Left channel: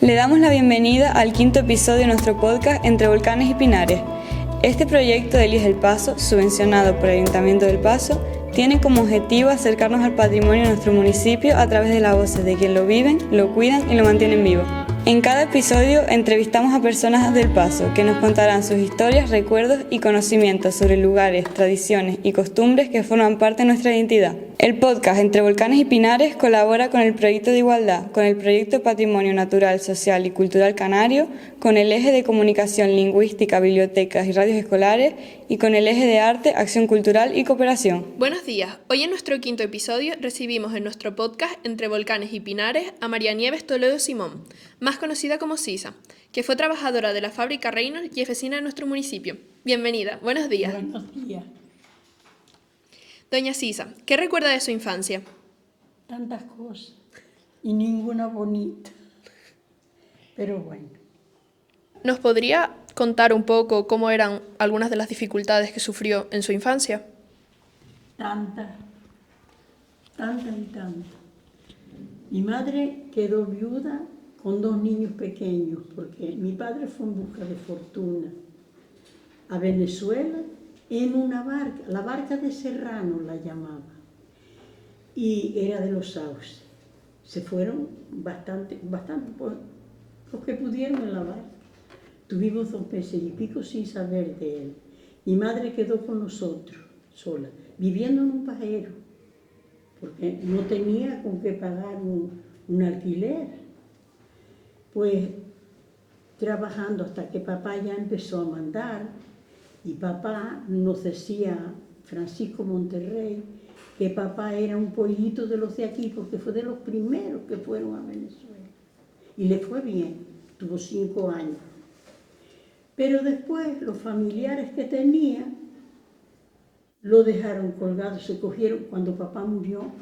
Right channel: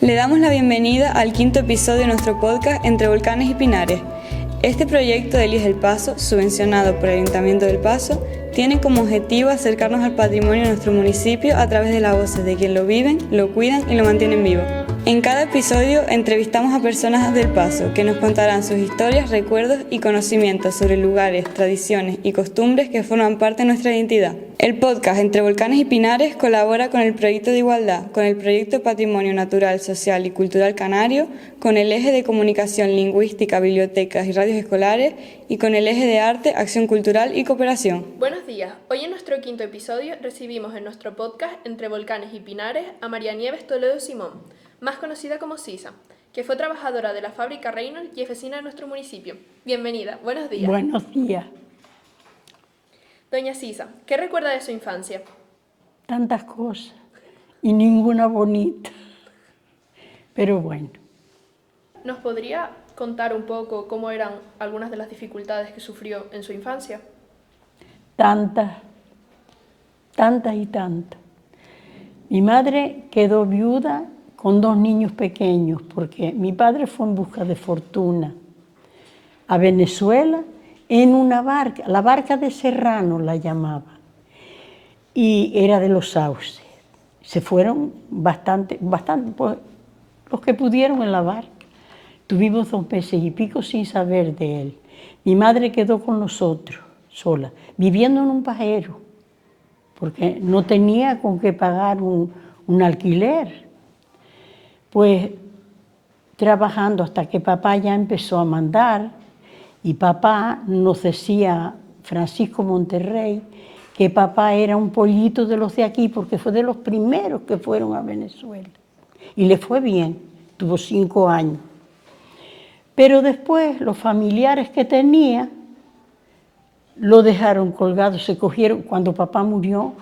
Le damos la bienvenida al quinto episodio de nuestro podcast Entre Volcanes y Pinares. Este proyecto de Elige el Paso, subvencionado por el Ayuntamiento del Paso, tiene como objetivo acercarnos al patrimonio de nuestro municipio a través de las voces de quien lo viven, lo cuidan y lo mantienen vivo. En cada episodio entrevistamos a personas del Paso que nos contarán sus historias, recuerdos y conocimientos sobre lugares, tradiciones y costumbres que forman parte de nuestra identidad. El podcast Entre Volcanes y Pinares colabora con el Proyecto de Igualdad, con el Proyecto Patrimonio Natural, Social y Cultural Canario, con el Eje de Comunicación Lingüística, Bibliotecas y Radios Escolares y con el Eje de Arte, Acción Cultural y Cooperación. Buenos días. Hoy en nuestro quinto episodio recibimos en nuestro podcast Entre Volcanes y Pinares a María Nieves Toledo Simón, más conocida como Sisa, que fue trabajadora de la fábrica Reynolds y es vecina de nuestro municipio. Bienvenida. Buenos días. Buenos días. Doña Sisa, ¿qué recuerda de su infancia? Tantas cosas y ninguna bonita, pero bueno. ¿Nos podría contar un poco cómo eran algunas de las dificultades que sufrió en su infancia? Tantas y tantas. Mi madre quedó viuda con 2 niños pequeños porque mi padre fue en busca de fortuna a Venezuela en una barca, la barca de Serrano la llamaba, y era de los Sauces. Se fueron bastante, pues, los que pudieron en la barca. Tuvimos 2 meses y pico sin saber de él. Mi madre quedó con nosotros, sola, viviendo en un pajero, porque no tenía con qué pagar un alquiler. Pues trabajando hasta que papá ya empezó a mandar, y papá nos decía, Francisco Monterrey, que papá era un pollito de los de aquí, porque fue de los primeros que fueron a Venezuela. Y le fue bien, tuvo 5 años. Pero después los familiares que tenía lo dejaron colgado, se cogieron, cuando papá murió,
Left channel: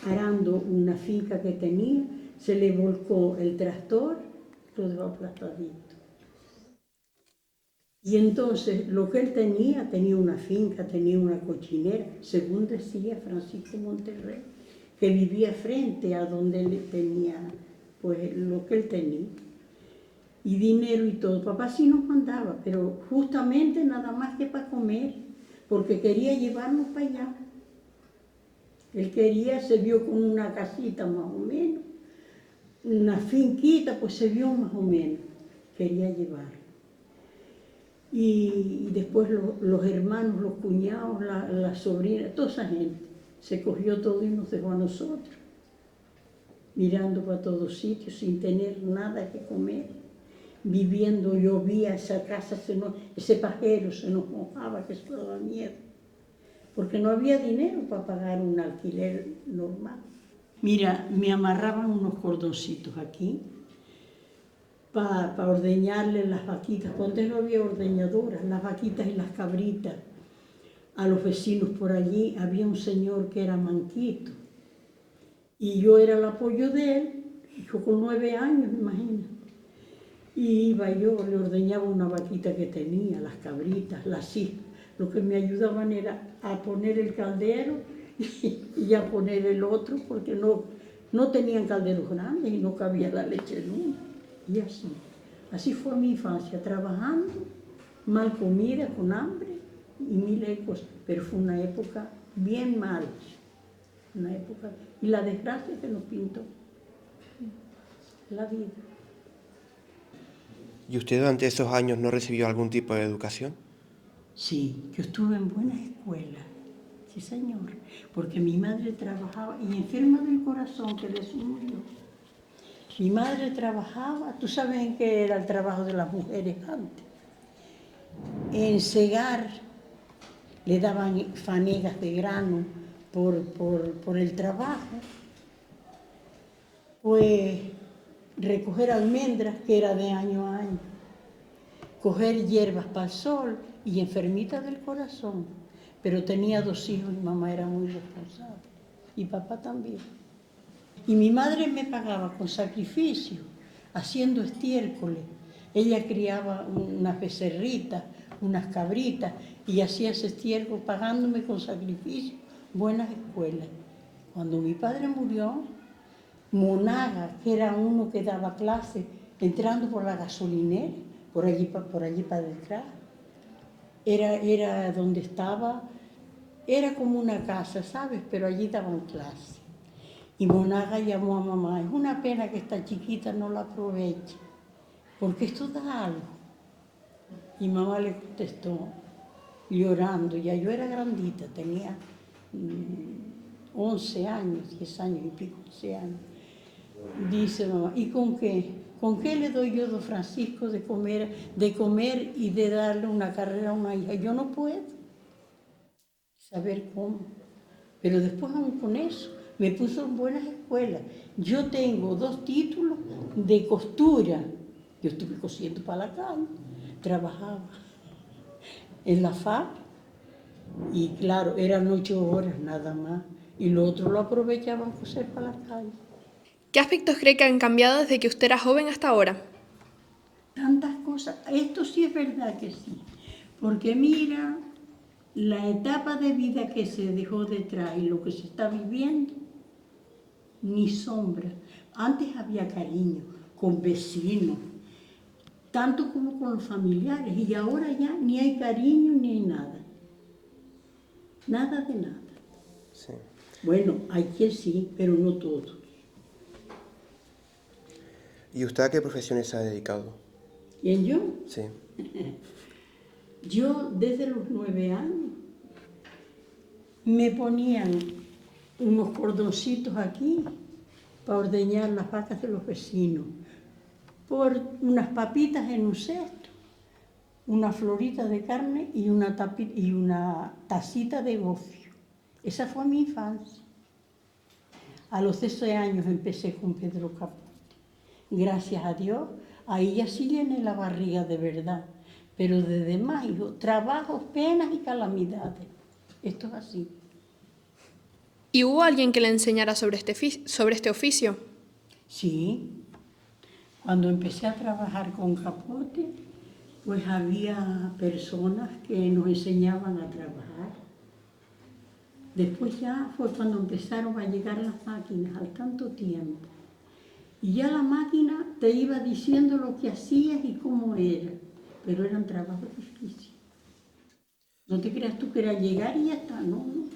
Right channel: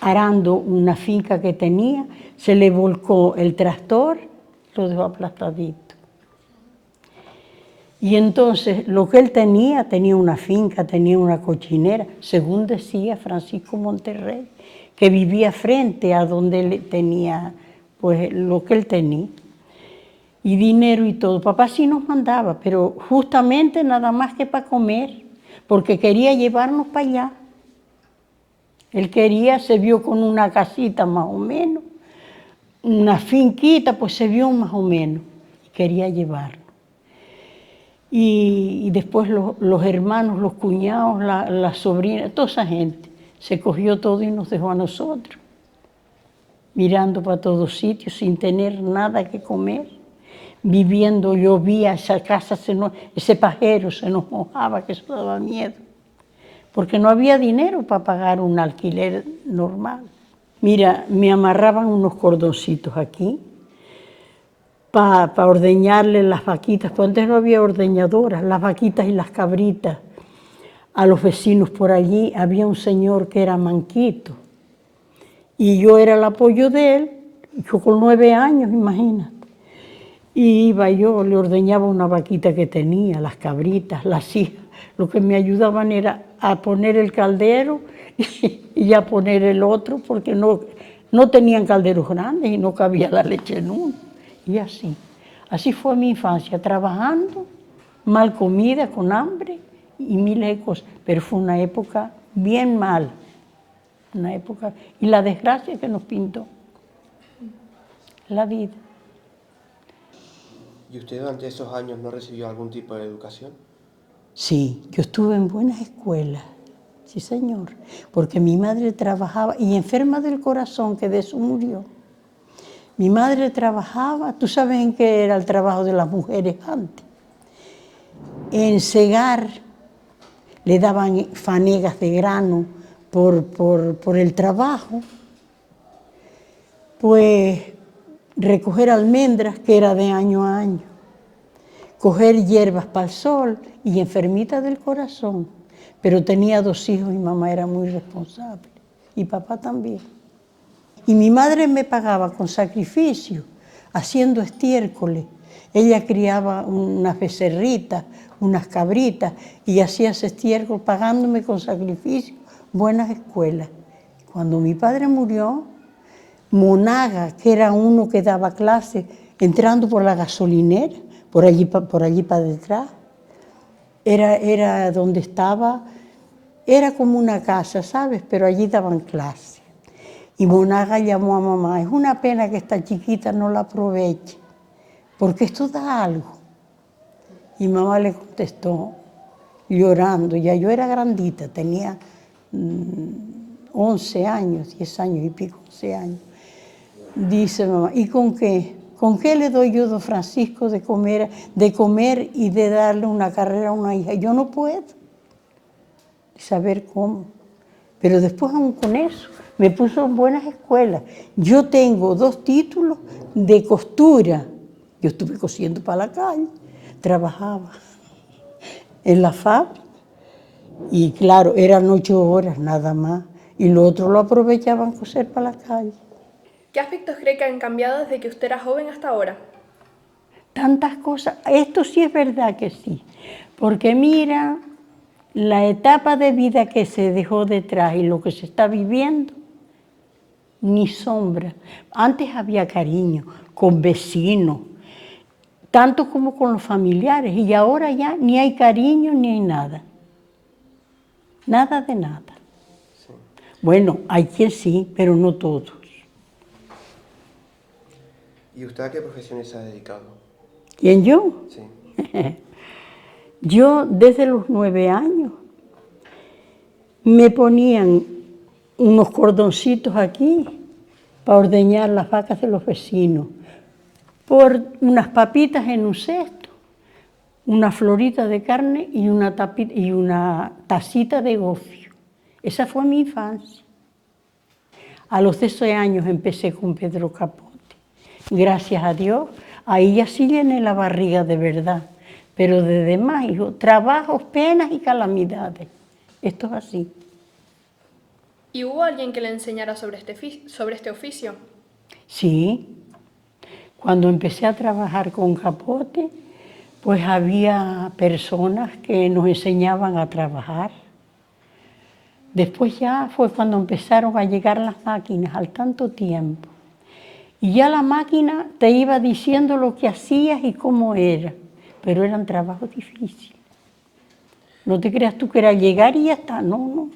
arando una finca que tenía, se le volcó el tractor, lo dejó aplastadito. Y entonces lo que él tenía una finca, tenía una cochinera, según decía Francisco Monterrey, que vivía frente a donde él tenía, pues lo que él tenía. Y dinero y todo. Papá sí nos mandaba, pero justamente nada más que para comer, porque quería llevarnos para allá. Él quería, se vio con una casita más o menos, una finquita, pues se vio más o menos, quería llevarnos. Y después los hermanos, los cuñados, las sobrinas, toda esa gente, se cogió todo y nos dejó a nosotros, mirando para todos sitios, sin tener nada que comer, viviendo, llovía, esa casa, ese pajero se nos mojaba, que eso daba miedo, porque no había dinero para pagar un alquiler normal. Mira, me amarraban unos cordoncitos aquí, para ordeñarle las vaquitas, porque antes no había ordeñadoras, las vaquitas y las cabritas. A los vecinos por allí había un señor que era manquito, y yo era el apoyo de él, yo con 9 años, imagínate. Y iba yo, le ordeñaba una vaquita que tenía, las cabritas, las hijas. Lo que me ayudaban era a poner el caldero y a poner el otro, porque no tenían calderos grandes y no cabía la leche en uno. Y así fue mi infancia, trabajando, mal comida, con hambre y miles de cosas. Pero fue una época bien mal, una época, y la desgracia que nos pintó, la vida. ¿Y usted durante esos años no recibió algún tipo de educación? Sí, yo estuve en buenas escuelas, sí señor, porque mi madre trabajaba, y enferma del corazón, que de eso murió. Mi madre trabajaba, ¿tú sabes en qué era el trabajo de las mujeres antes? En segar, le daban fanegas de grano por el trabajo, pues recoger almendras, que era de año a año, coger hierbas para el sol, y enfermita del corazón, pero tenía 2 hijos y mamá era muy responsable, y papá también. Y mi madre me pagaba con sacrificio, haciendo estiércoles. Ella criaba unas becerritas, unas cabritas, y hacía ese estiércol pagándome con sacrificio buenas escuelas. Cuando mi padre murió, Monaga, que era uno que daba clase, entrando por la gasolinera, por allí para detrás. Era donde estaba, era como una casa, ¿sabes? Pero allí daban clase. Y Monaga llamó a mamá, es una pena que esta chiquita no la aproveche, porque esto da algo. Y mamá le contestó, llorando, ya yo era grandita, tenía 11 años, 10 años y pico, 11 años. Dice mamá, ¿y con qué? ¿Con qué le doy yo a don Francisco de comer y de darle una carrera a una hija? Yo no puedo saber cómo. Pero después aún con eso, me puso en buenas escuelas. Yo tengo 2 títulos de costura. Yo estuve cosiendo para la calle, trabajaba en la fábrica. Y claro, eran 8 horas nada más. Y lo otro lo aprovechaban coser para la calle. ¿Qué aspectos cree que han cambiado desde que usted era joven hasta ahora? Tantas cosas. Esto sí es verdad que sí. Porque mira, la etapa de vida que se dejó detrás y lo que se está viviendo, ni sombra. Antes había cariño con vecinos, tanto como con los familiares. Y ahora ya ni hay cariño ni hay nada. Nada de nada. Sí. Bueno, hay quien sí, pero no todos. ¿Y usted a qué profesiones se ha dedicado? ¿Quién yo? Sí. Yo desde los 9 años me ponían unos cordoncitos aquí para ordeñar las vacas de los vecinos, por unas papitas en un cesto, una florita de carne y una tacita de gofio. Esa fue mi infancia. A los 12 años empecé con Pedro Capote. Gracias a Dios, ahí ya sí llené la barriga de verdad. Pero de demás, hijo, trabajos, penas y calamidades. Esto es así. ¿Y hubo alguien que le enseñara sobre este oficio? Sí. Cuando empecé a trabajar con Capote, pues había personas que nos enseñaban a trabajar. Después ya fue cuando empezaron a llegar las máquinas al tanto tiempo. Y ya la máquina te iba diciendo lo que hacías y cómo era. Pero eran trabajos difíciles. No te creas tú que era llegar y ya está. No.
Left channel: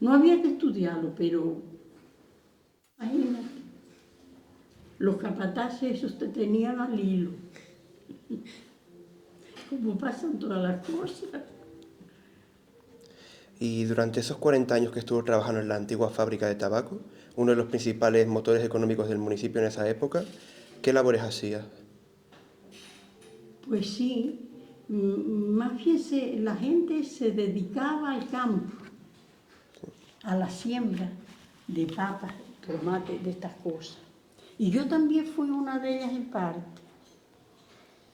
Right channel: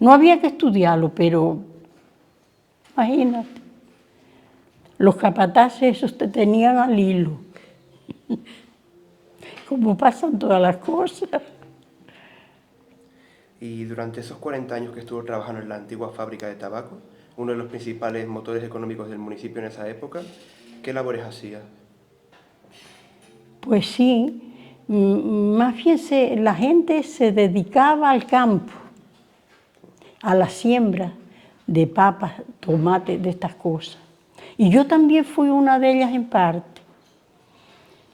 No había que estudiarlo, pero imagínate. Los capataces esos te tenían al hilo. Como pasan todas las cosas. Y durante esos 40 años que estuvo trabajando en la antigua fábrica de tabaco, uno de los principales motores económicos del municipio en esa época, ¿qué labores hacía? Pues sí, más bien la gente se dedicaba al campo, a la siembra de papas, tomates, de estas cosas. Y yo también fui una de ellas en parte.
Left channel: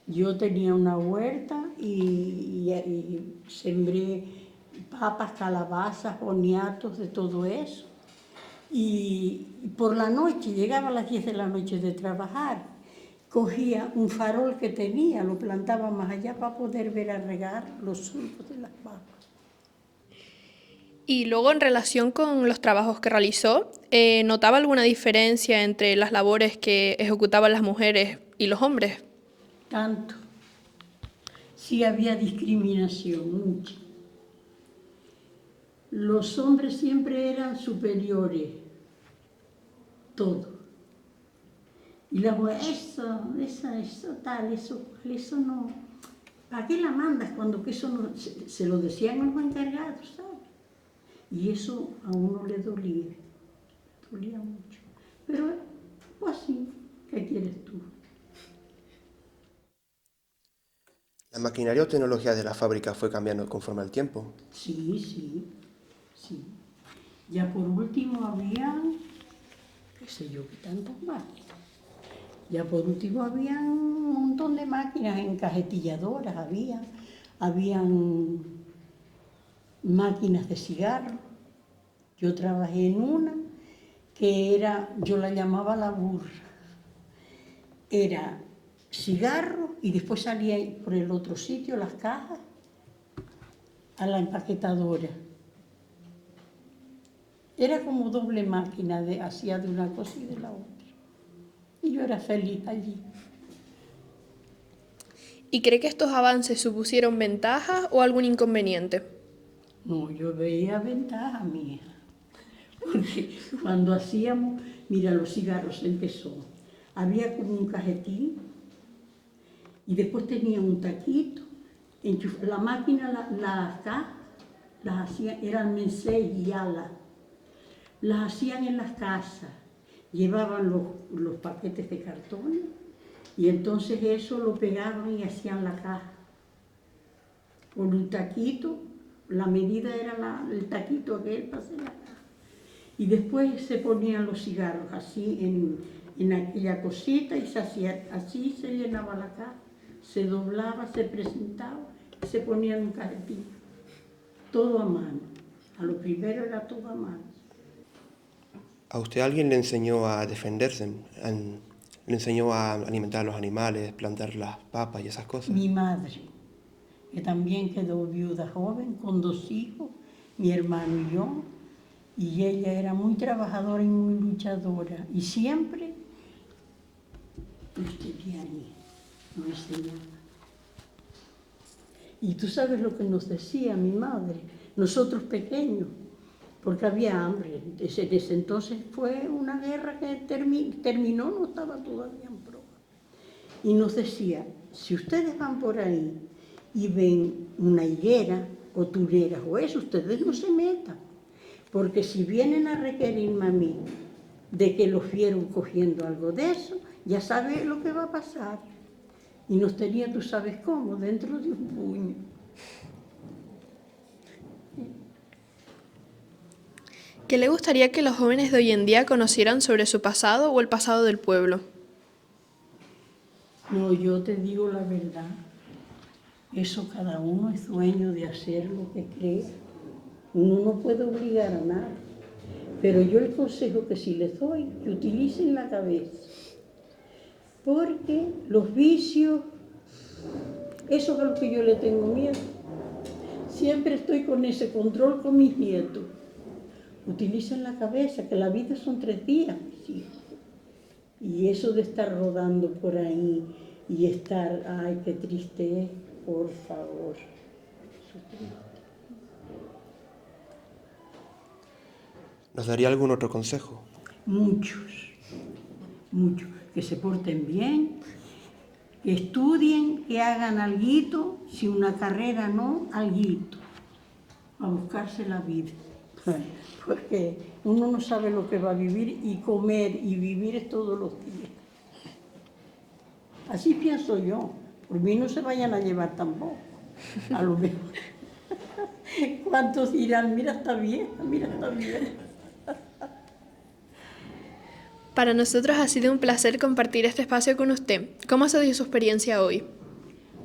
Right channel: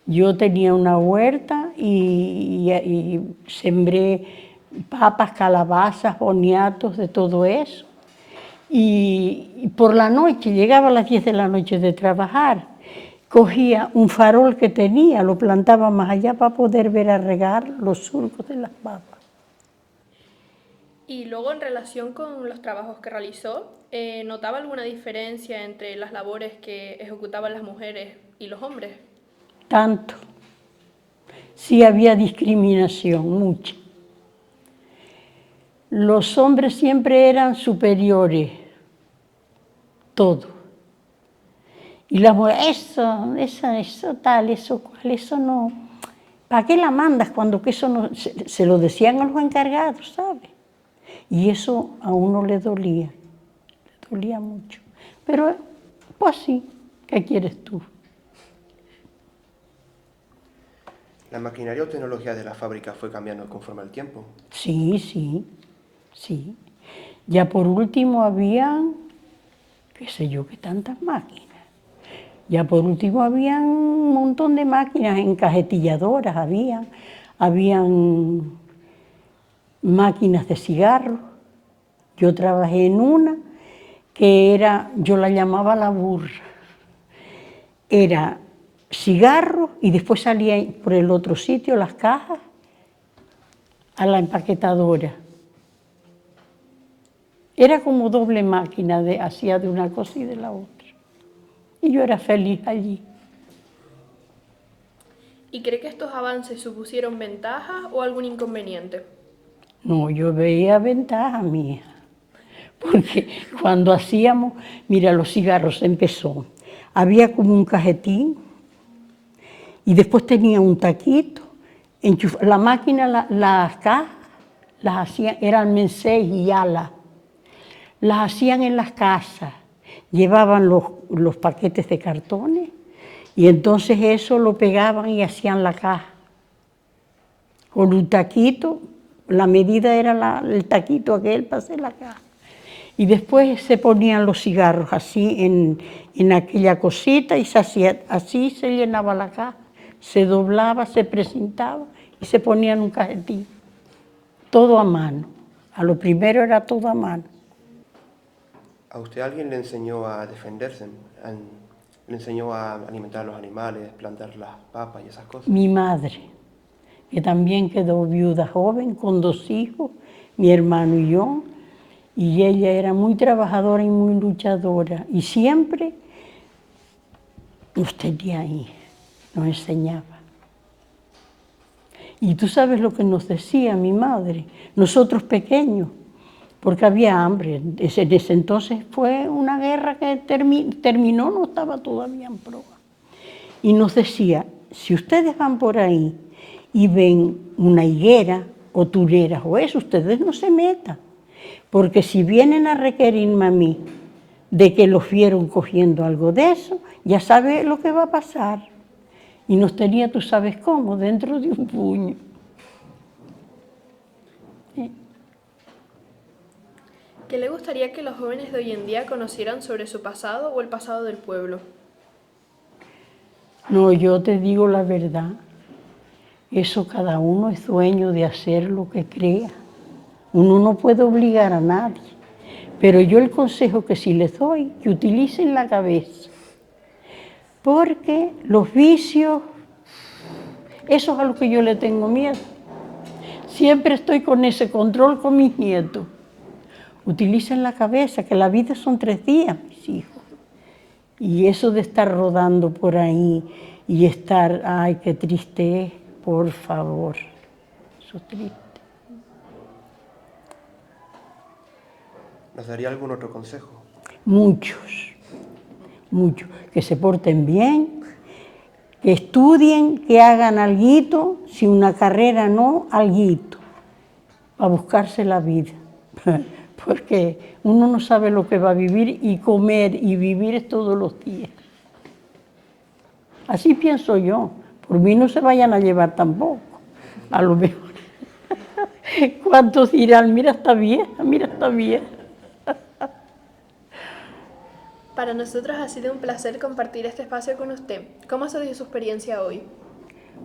Yo tenía una huerta y sembré papas, calabazas, boniatos, de todo eso. Y por la noche, llegaba a las 10 de la noche de trabajar, cogía un farol que tenía, lo plantaba más allá para poder ver a regar los surcos de las papas. Y luego, en relación con los trabajos que realizó, ¿notaba alguna diferencia entre las labores que ejecutaban las mujeres y los hombres? Tanto. Sí había discriminación, mucha. Los hombres siempre eran superiores, todo. Y las mujeres, eso tal, eso cual, eso no. ¿Para qué la mandas cuando que eso no? Se lo decían a los encargados, ¿sabes? Y eso a uno le dolía mucho. Pero, pues sí, ¿qué quieres tú? ¿La maquinaria o tecnología de la fábrica fue cambiando conforme al tiempo? Sí. Ya por último había, qué sé yo, qué tantas máquinas. Ya por último había un montón de máquinas encajetilladoras, habían máquinas de cigarros. Yo trabajé en una que era, yo la llamaba la burra. Era cigarro y después salía por el otro sitio las cajas a la empaquetadora. Era como doble máquina, hacía de una cosa y de la otra. Y yo era feliz allí. ¿Y cree que estos avances supusieron ventajas o algún inconveniente? No, yo veía ventaja mía. Porque cuando hacíamos, mira, los cigarros empezó. Había como un cajetín y después tenía un taquito. La máquina, las cajas, las hacían, eran Mensei y Ala. Las hacían en las casas. Llevaban los paquetes de cartones y entonces eso lo pegaban y hacían la caja. Con un taquito, la medida era el taquito aquel para hacer la caja. Y después se ponían los cigarros así en aquella cosita y se hacía, así se llenaba la caja. Se doblaba, se presentaba y se ponía en un cajetín. Todo a mano. A lo primero era todo a mano. ¿A usted alguien le enseñó a defenderse? ¿Le enseñó a alimentar a los animales, plantar las papas y esas cosas? Mi madre, que también quedó viuda joven con 2 hijos, mi hermano y yo, y ella era muy trabajadora y muy luchadora, y siempre nos tenía ahí, nos enseñaba. Y tú sabes lo que nos decía mi madre, nosotros pequeños, porque había hambre. En ese entonces fue una guerra que terminó, no estaba todavía en proa. Y nos decía, si ustedes van por ahí y ven una higuera o tureras o eso, ustedes no se metan. Porque si vienen a requerirme a mí de que los vieron cogiendo algo de eso, ya sabe lo que va a pasar. Y nos tenía, tú sabes cómo, dentro de un puño. ¿Qué le gustaría que los jóvenes de hoy en día conocieran sobre su pasado o el pasado del pueblo? No, yo te digo la verdad. Eso cada uno es dueño de hacer lo que crea. Uno no puede obligar a nadie. Pero yo el consejo que sí les doy, que utilicen la cabeza. Porque los vicios, eso es a lo que yo le tengo miedo. Siempre estoy con ese control con mis nietos. Utilicen la cabeza, que la vida son 3 días, mis hijos. Y eso de estar rodando por ahí y estar, ay, qué triste es, por favor. Eso es triste. ¿Nos daría algún otro consejo? Muchos. Que se porten bien, que estudien, que hagan alguito, si una carrera no, alguito, a buscarse la vida. Porque uno no sabe lo que va a vivir y comer y vivir es todos los días. Así pienso yo. Por mí no se vayan a llevar tampoco. A lo mejor. ¿Cuántos dirán, mira esta vieja, mira esta vieja? Para nosotros ha sido un placer compartir este espacio con usted. ¿Cómo ha sido su experiencia hoy?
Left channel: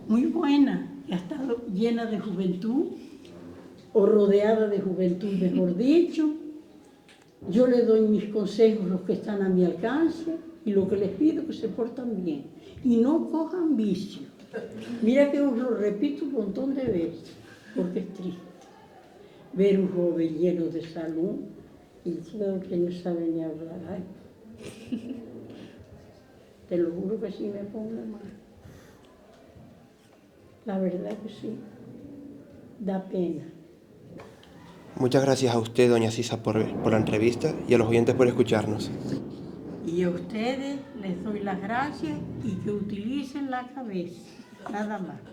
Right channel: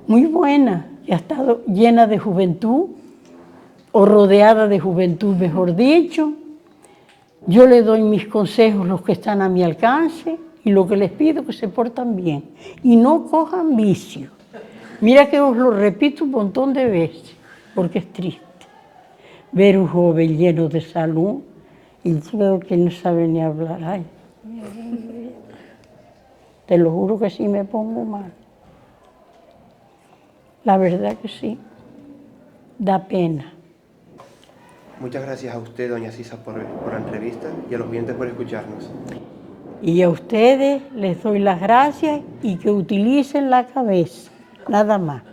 Muy buena. Ha estado llena de juventud, o rodeada de juventud, mejor dicho. Yo le doy mis consejos, los que están a mi alcance, y lo que les pido que se portan bien. Y no cojan vicio. Mira que os lo repito un montón de veces, porque es triste ver un joven lleno de salud y creo que no sabe ni hablar. Ay, te lo juro que sí me pongo mal. La verdad que sí. Da pena. Muchas gracias a usted, doña Sisa, por la entrevista y a los oyentes por escucharnos. Y a ustedes les doy las gracias y que utilicen la cabeza, nada más.